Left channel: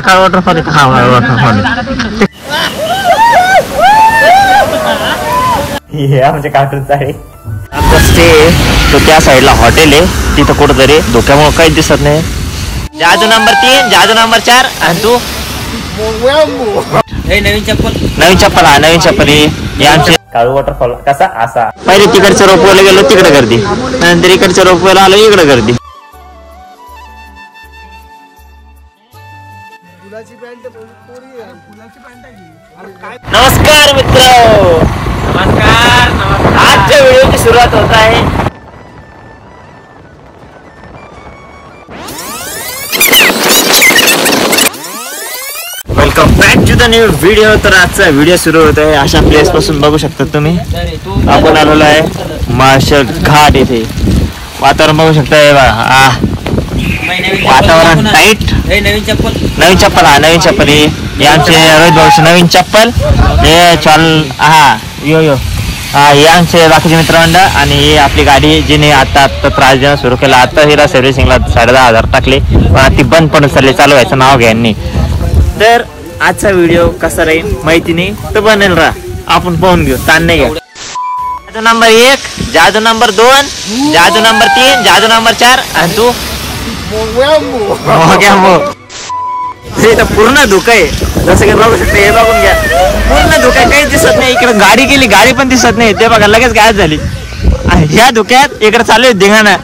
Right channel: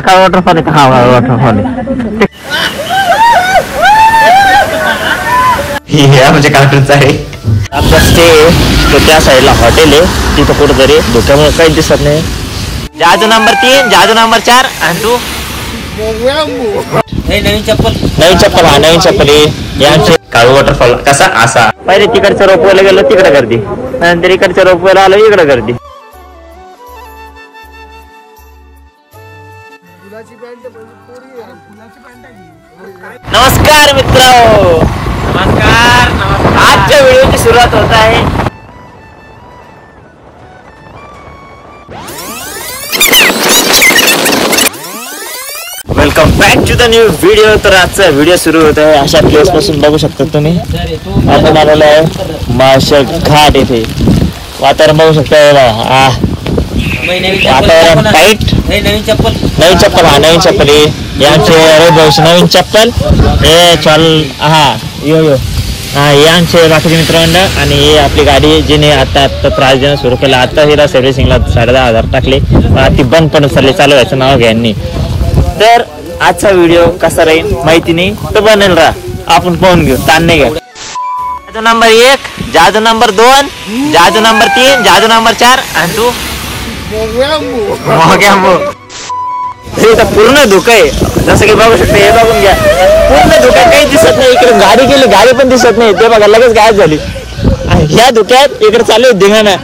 काळ वॉटरफॉल आहे का? हा वॉटरफॉल म्हणजे कार्टूनच आहे. आमचा स्टे तो त्या साईडला हॉटेल आहे, तिथं कुठंतरी धोक्यामुळे काहीच दिसत नाही. जादू नंबर 3, जादू नंबर 4. आणि तू नवीन चप्पल. हा नवीन चप्पल आहे आमचे. काळ वॉटरफॉल कसा असा. पहिले तिकडच्या रोपवेला गेलो तिकडे गर्दी, नंतर इकडच्या रोपवेला आलो इकडे गर्दी. नमस्कार मित्र, नमस्कार. आजच्या व्हिडिओची सुरुवात होत आहे. Welcome back to the new video. तर आजचा व्हिडिओ सुरू होत आहे अशा प्लेस पासून. बघू शकता तुम्ही, आपण आलेलो आहे माळशेर घाट येथे. वातावरण बघू शकता बघा, वातावरण टाईट. नवीन चप्पल. हा नवीन चप्पल हे आमचे रोहित भाऊचे नवीन चप्पल. हे चाल हा यो हा हे आमचे बाकीचे मित्रमंडळ. आणि हे आपली गाडी जिने आता त्रास देणं सुरू केला. आता हिला सर्व्हिसिंगला 10,500 टाकले, पण ती बंद पडून चालली. चालू व्हायचं नाव घ्या यांनी. तर आजचा व्हिडिओ कसा राहील माहिती नाही, तर बनेल राहा, आपण पाहून घेऊ, ताण नाही घ्या. जादू नंबर 1, जादू नंबर 2, जादू नंबर 3, जादू नंबर 4. आणि तू इथं पूर्ण धुकं आहे, जसं की बघू शकता. हे बघून घ्या, पूर्ण धुक्या काहीच दिसत नाही. इकडे गाडी गेली, गाडी पण दिसत नाही. ते बघा लगेच गायब झाली. ह्या धुक्यात इकडे चालू आहे धिंगाणा.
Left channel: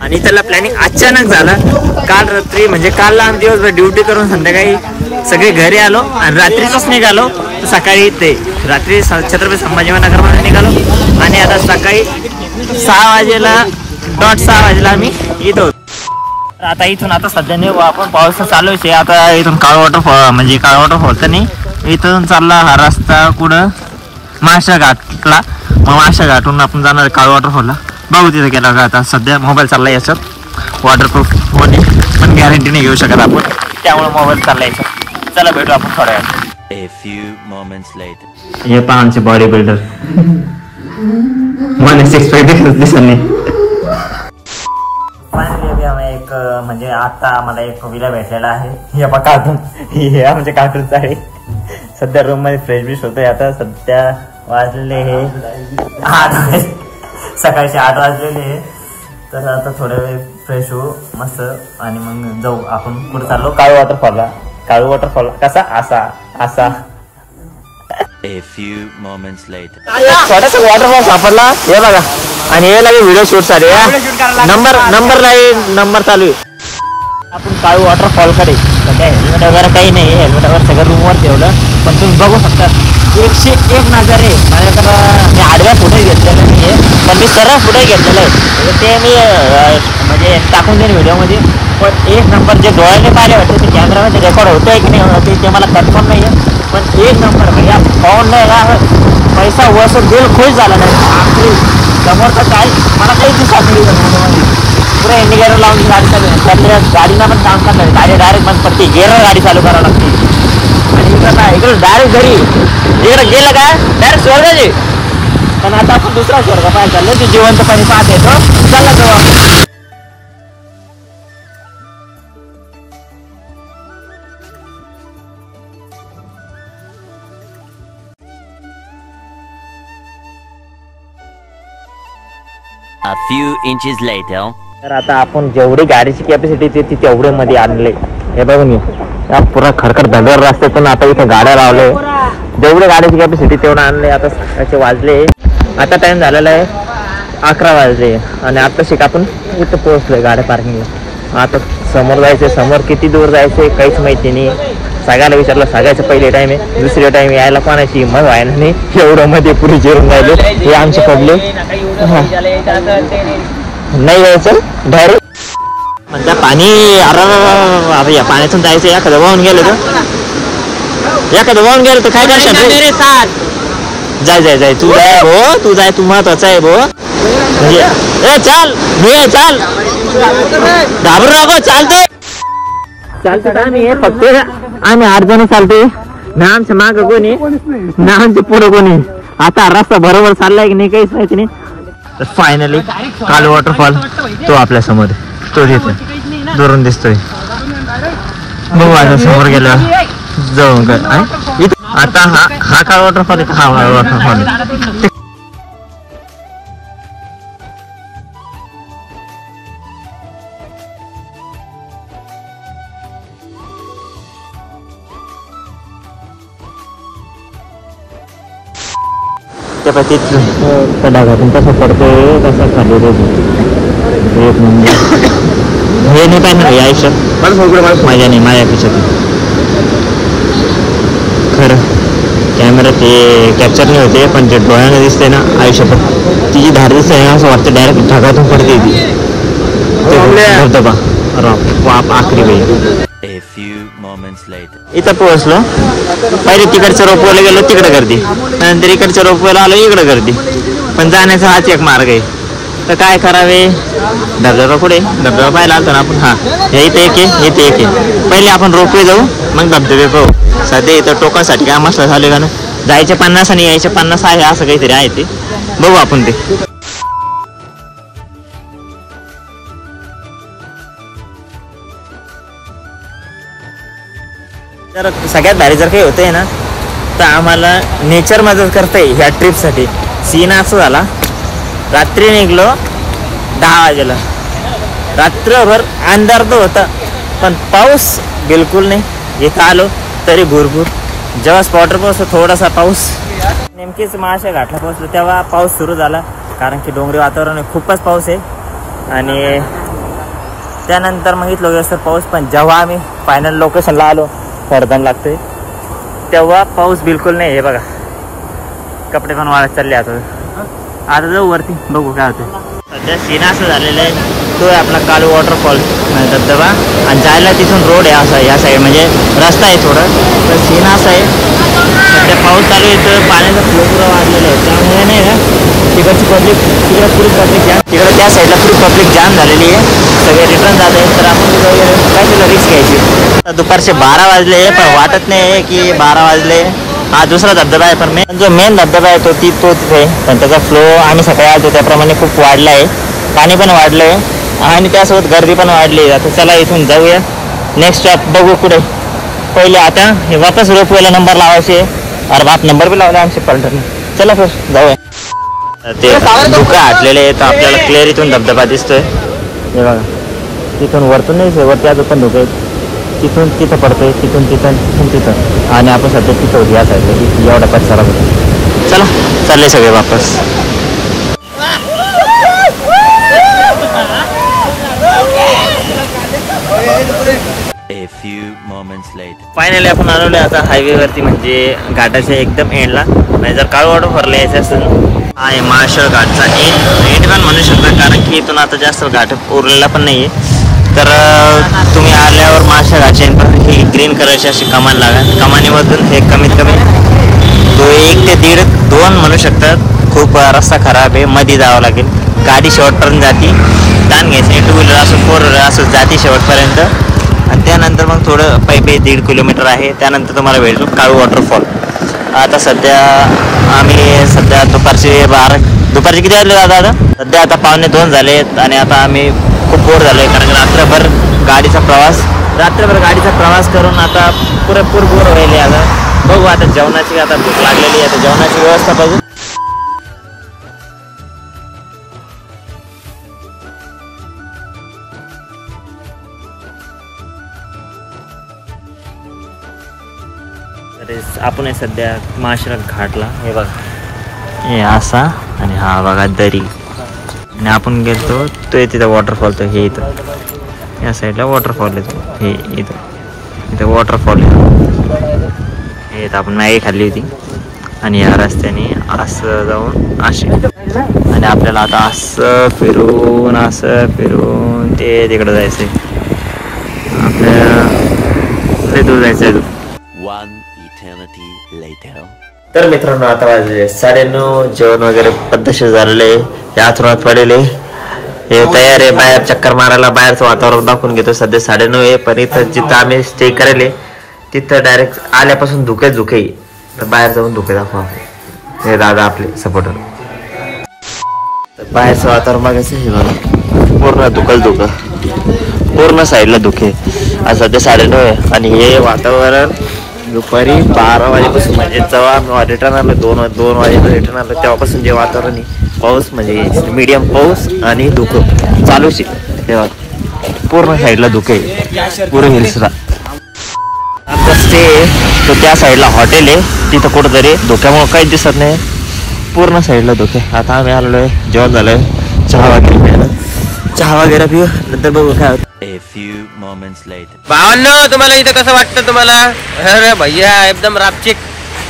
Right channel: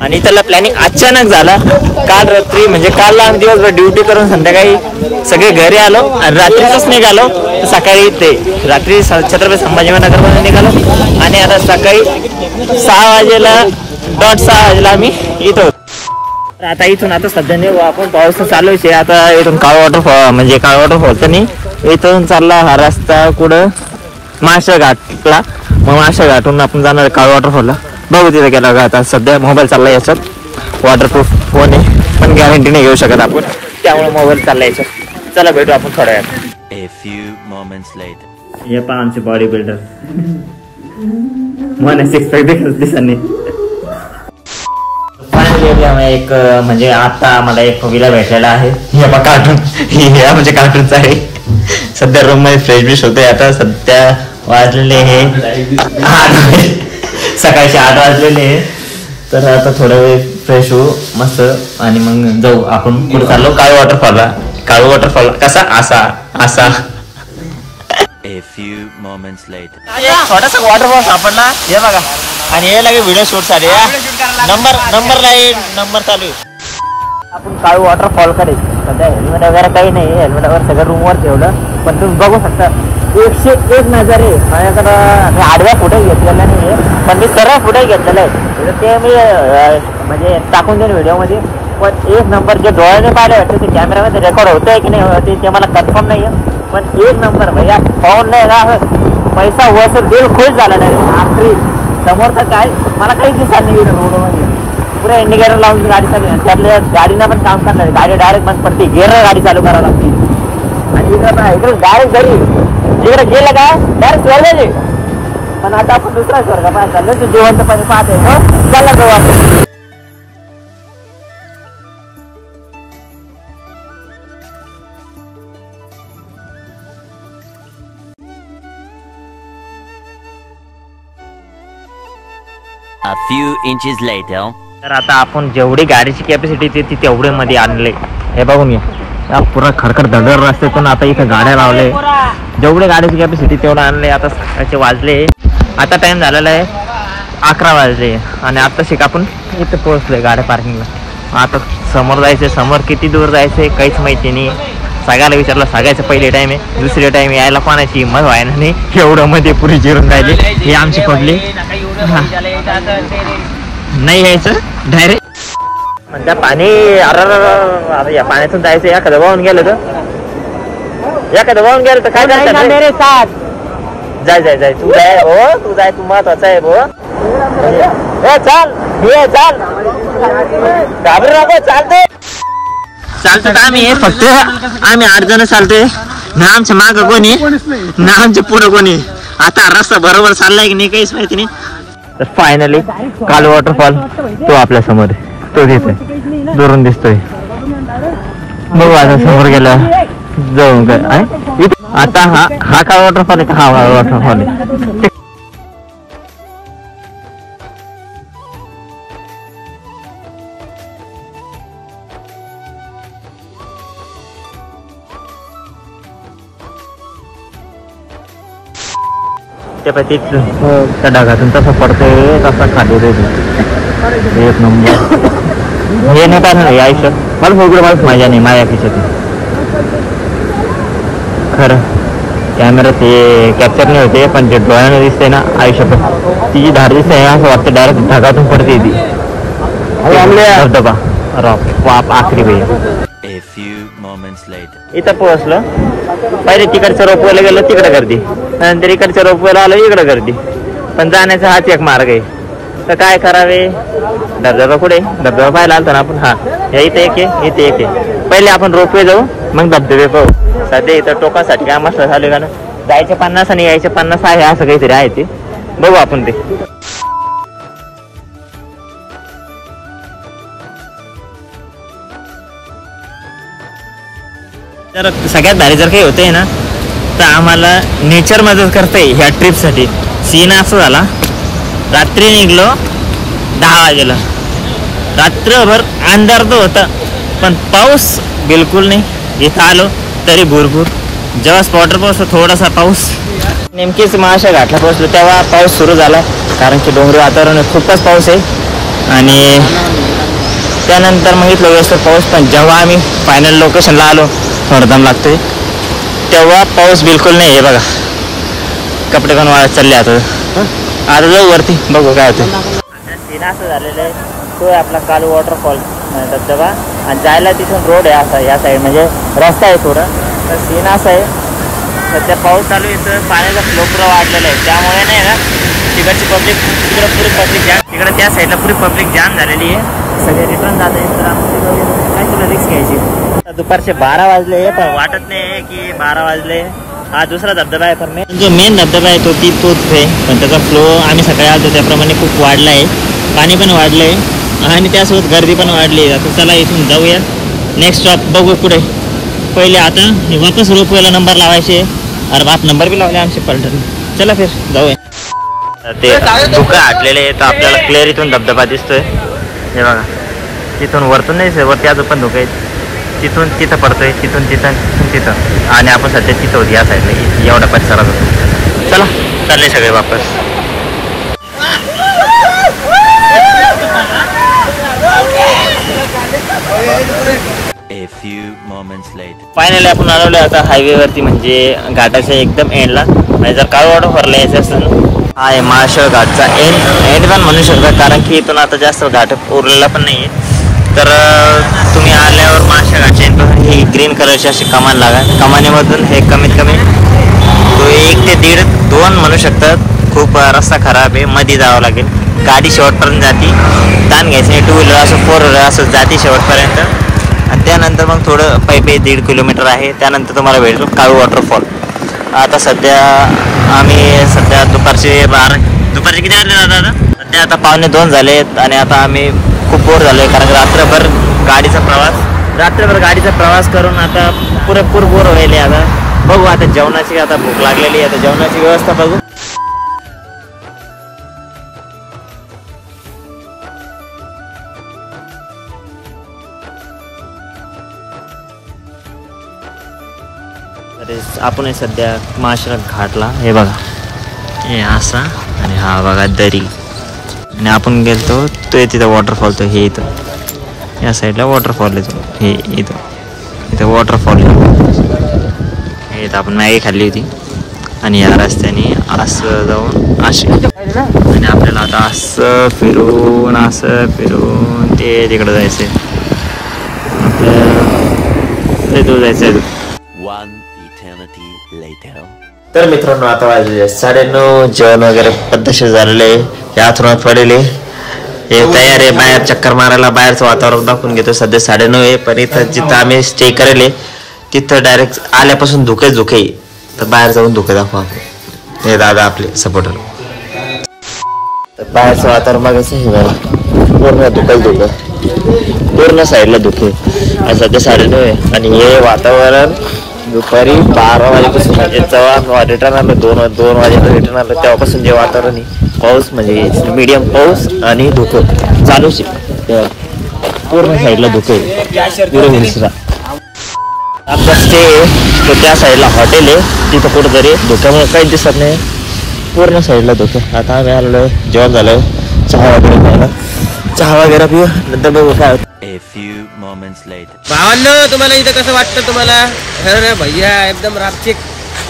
आणि त्याला प्लॅनिंग अचानक झाला. काल रात्री म्हणजे काल आम्ही दिवसभर ड्युटी करून संध्याकाळी सगळे घरी आलो आणि रात्रीच निघालो. तर सकाळी ते रात्री छत्रपती संभाजीनगरमध्ये निघालो आणि आता सकाळी 6 वाजेला आम्ही इथं होतो. आता इथून आता सध्या नाही आपण, पाऊस चालूच आहे. आता इथून काळ वॉटरफॉल म्हणजे काळ वॉटरफॉल तर नाही, इथून चालला हा रस्ता कुठं माळशेर घाटला. मग माळशेर घाटून आपण जाणार काळ वॉटरफॉलला. बघू तिथे गेला का. आता सध्या मोबाईल चालला याच्यात, वॉटरप्रूफ फोन आहे पण गॅरंटी नाही घेऊ शकत आपण, त्यामुळे मोबाईल चालला याच्यात. चला भेटू आपण थोड्या वेळात. A few moments later. हे पहा आमचे बॉडी बिल्डर, मला 6 पॅक दिसत नाही. एक म्हणजे आता मला एक विला भेटलेला आहे. हे बघा कार्टून, हे म्हणजे कार्टूनच आहे. सध्या रूम मध्ये फ्रेश बिश होतोय. आता सध्या वाजलेले हे सकाळचे 8 वाजलेले. तर आता थोडा वेळ फ्रेश होऊ मस्त आणि मग जाऊ आपण पुढे चाललो काळ वॉटरफॉलला. काळ वॉटरफॉल कसा असा. A few moments later. छोटासा वॉटरफॉल सापडला, हे बघा. आणि हे लगे व्हिडिओ शूट साठी नंबर चालू आहे. आपण काळू वॉटरफॉल कडे हेल्मेट वगैरे काही नाही, हेल्मेट वगैरे सगळं रूमवर ठेवलं. पण तुम्ही बघू शकता 101 नजारे. माझ्याकडं मी आडव्या फुटे घेतलेला नाही आहे, पण मी सरळ फुटे घेतलेलं आहे. ते मी म्हणजे टाकून देईन व्हिडिओमध्ये. पण 1 नंबर जे डोळ्याने पाहिले वाटते ते कॅमेरामध्ये रेकॉर्ड होतंय की नाही होते ते मला कन्फर्म नाही आहे. पण 1 नंबर भैया पाहून नाही राहत. पैसा वसूल दिल खुश झालेला आहे. समोरचं काय मला काही दिसत नाही. पुरा इंडिकेटर लावून गाडी चालू आहे. आपल्या गाडीला पण काम करणार, गाडी डायरेक्ट बंद पडते. गेलं गाडी चालू करावं लागते. आणि इकडे डायरेक्ट घरी इकडे गेलं का डायरेक्ट सोडायचे. पण आता आपण दुसरा सोडला पाणी चाललं, ते जेवणचं पाणी पाहत येतो. चला जाऊ आपण. A few inches later. तर आता आपण जेवढी गाडीची कॅपॅसिटी ती तेवढे मध्ये आणले. हे बघून या पुरा खडखड धडर रस्त्यातून आता इथं गाड्या लावले. जेवढे गाडीची कॅपॅसिटी तेवढं आणले. आता सकाळचे वाजले, आता टाइम झालेला आहे 11 वाजले आणि आता शिक आपण इथं पोहोचलोय गाड्या पार्किंगला. आता समोर जायचंय, समोर किती दूर जायचंय काहीच माहिती नाही. सगळ्याला विचारलं, सगळ्याचं पहिले टाइम आहे, दुसरे टाइम यायला कोणाची हिंमत व्हायला नाही. एवढं मध्ये पुरी जिरून राहिले. हे आमचे पडले नाही यायचं डायरेक्ट म्हणता पाणी. अरे या पाण्यातून जायचं, एखादं वाहून गेलं तर काय करणार. मेरे साथ जाय तू जाय भो, तू महत्वाचा आहे भो. चाल घाबर नको, चालतो तर आम्ही फक्त 8 जण चालतोय ना. आमच्या माग कोणी ना, आमच्या पुढं कोणी. आता रस्ता बरोबर चाललाय की नाही काहीच माहिती नाही. तर फायनली काळू वॉटरफॉल तो आपल्या समोर, तो तिथे दुरून दिसतोय. बघू आता समोर गेलं जाऊ काय आता हा काय वॉटरफॉल आहे का हा वॉटरफॉल आहे. त्या ढगातून तसा पडतोय तसा खाली एक नंबर हे नाही काय नाही आयुष्यात मला सगळं मला मजा नाही माझ्या खिशातून खरं कॅमेरा ते कॅप्चर नाही होते पण जे डोळ्याने दिसते ना आयुष्यात तिची धार दिसते ना असं वाटतं डायरेक्ट ढगातून पडते ती धबधबा बाप आखरी वेळ. A few moments later. इथं पोहोचलो पहिले तिकडच्या रोपवायला गेलो तिकडे गर्दी नंतर इकडच्या रोपवायला आलो इकडे गर्दी पण जाण्याचा हाच एक मार्ग आहे तर काय करावे. धबधबा कुठे धबधबा पाहायला आलतो ना आपण. हा इथे एक आहे इथे एक आहे. पहिले आपण रोपवे जाऊ मग धबधबे पाहू. सध्या इथं टोकासाठी काय मस्त झाले का ना जायचे 50 आणि यायचे 50 आहे असं काहीतरी आहे ते बघू आपण ते. तर सगळ्यात भारी जर काही होतंय ना तर आम्हाला नेचर मदत करतंय ह्या ट्रिपसाठी. सीन असं झाला रात्री निघलो 10 वाजेला रात्रभर अंधार तर होता पण पाऊस बिलकुल नाही. इथं आलो तरी भरपूर जेव्हा स्पॉटर पोहोचलो थोडासा पाऊस नेमकीच महाशा घाटला पोहोचलो तेव्हा पाऊस सुरू झाला कारण की डोंगरी वातावरण खूपच पाऊस आहे आणि त्यानंतर मग इथलं व्यवस्थित पाऊस. पण जेव्हा आम्ही फायनल लोकेशनला आलो थोडा लागतोय तेव्हा पाऊस बिलकुल नाही आहे बघा. कपडे पण वाळत चालले आता जाऊ वरती बघू काय होतं. सध्या सीन असं झालेलं आहे तो आहे आपला काळू वॉटरफॉल आणि धबधबा आणि जायला तिथून रोड आहे असा या साईड म्हणजे रस्ता आहे थोडं तर सीन असं आहे पाऊस चालू आहे तर पाण्याचं वाढलेलं आहे त्यामुळे नाही ना तिकडची पब्लिक पुरी पब्लिक जाम तिकडं त्या साईडला पुरी पब्लिक जाम झालेली आहे. सगळे रिटर्न जात आहेत तर आपण तिथं वगैरे काय तुला रिस्क घ्यायची. दुपारचे 12 वाजले पण वाटत नाही की 12 वाजले. हा दुसरा धबधबा आहे पण जो मेन धबधबा आहे तोच आहे पण त्याचा फ्लो आम्ही सकाळी आलो त्याप्रमाणे खूप वाढला आहे. पाणी पण वाढलं आहे आणि त्यासोबत गर्दी पण वाढली. आता चला इथून जाऊया नेक्स्ट स्टॉप बघू पुढे. पहिले आता हे वापस रोपवेला नंबर लावायचे अरे बाप नंबर बी लावला आमचे पलटून. चला फिर जाऊया. ते धुकं हाटलेले आहे तर आपल्याला क्लिअर इथून धबधबा दिसतोय हे बघा. तिथून वरतून नाही वरती अजून पण धुकं आहेत तिथून तिथं पडतोय तिथून तिथं आणि आपण सध्या तिथं होती या साईडला एवढा परिसरात होतो. चला चालले सगळे वापस. A few moments later. Finally आपण आलेलो आता हायवे वरती म्हणजे घाटाच्या एकदम एंडला म्हणजे जर काळू वॉटरफॉल यायचं असेल हा आहे महाशळ घाटचा एंड पण म्हणू शकता कारण की इथून आता जास्त घाट उरलेला पण नाही. तर तुम्ही आल्यावर महाशळ घाटच्या एंड ही ग्रीन कलरची अशी कमान लागा. कमानीमधून हे कमीत कमी 1 ते 1.5-2 म्हणू शकतात. खूप रस्ता खराब आहे मध्ये जावं लागेल. गाडी शेवटपर्यंत जाते ताण घ्यायची नाही. 2 व्हीलर असं 4 व्हीलर असं जाते शेवटपर्यंत आणि त्यानंतर मग थोडं पायी 1.5 किलोमीटर आहे त्यानंतर तुम्हाला भेटेल काळू वॉटरफॉल. आता सध्या आम्ही दुपारचे किती वाजले आता सध्या आता 1:45 झालेत आणि आता आम्ही खूप बोर झालो आहे कारण रात्रभर गाडीचा प्रवास करून आता पुरेपूर बोर व्हायले. आता बघू आता जेवणाची आता भूक लागलेली आहे आता जेवणाची व्यवस्था बघू. आपण सध्या महाशळ घाटला हे बघा हे असा आणि हा बघा दरी आणि आपण गेलतो तो तिथं वॉटरफॉल तो हे इथं या साईडला वॉटरफॉल येतो हे इथं वॉटरफॉल हे इथं आपण मॅगी खाल्ली होती आणि या रस्त्याने असं जाऊन असे आणि आपल्याला आता असं फिरून ते तिकडं जायचंय आपल्याला दूर जायचं. One eternity later. तर मित्रांनो आता वाजले 9:30 जेवण वगैरे पद्धतशीर झालेले हे आथरुणात पडलेले हे तयार आहे बाहेर चक्कर मारायला. बाहेरचं वातावरण दाखवून घेतो. सध्या 9:30 आहे पण इथं जिथं आम्ही स्टे करेल तिथं डायरेक्ट आल्यापासून धुके तर बाहेर जाऊन धुके दाखवा हे दादा आपले सपोर्टर. तर बाहेरचं वातावरण बघायचं हे बघा पूर्ण धुकं पूर्ण साईडला धुके आज सध्या 9:30 आणि हे वातावरण दुपारी 12 वाजेपासून म्हणजे जेव्हा रिटर्न आलो 2 वाजेला रिटर्न आलो तेव्हापासून जे वातावरण आहे पाऊस म्हणजे मीडियम पाऊस आणि धुकं चालूच आहे तेव्हा पूर्ण साईडला धुके पुढे हिल्सला आमचा स्टे तो त्या साईडला हॉटेल आहे तिथं कुठंतरी धुक्यामुळे काहीच दिसत नाही पूर्ण साईडला धुके आता आम्ही आलेलो जेवण झालं चहा वगैरे प्यायला चहा वगैरे पिऊ नंतर बघू काय होतं A few moments later. भावांनो तुम्हाला इथं कसं वाटतं तुम्हाला अरे भैया एकदम रापचिक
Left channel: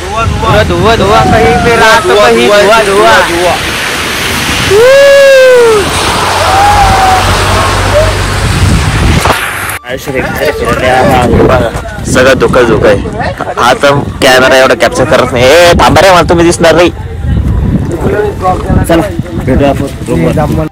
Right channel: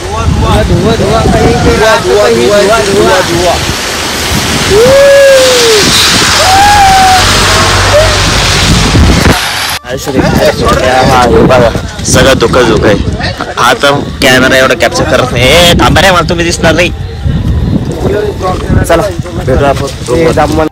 धुवा धुवा धुवा कहीं पे रात कहीं धुवा धुवा धुवा सगळं धुकं आहे हा तर कॅमेरा एवढा कॅप्चर करत नाही थांबा रे मला तुम्ही दिसणार नाही चला भेटू आपण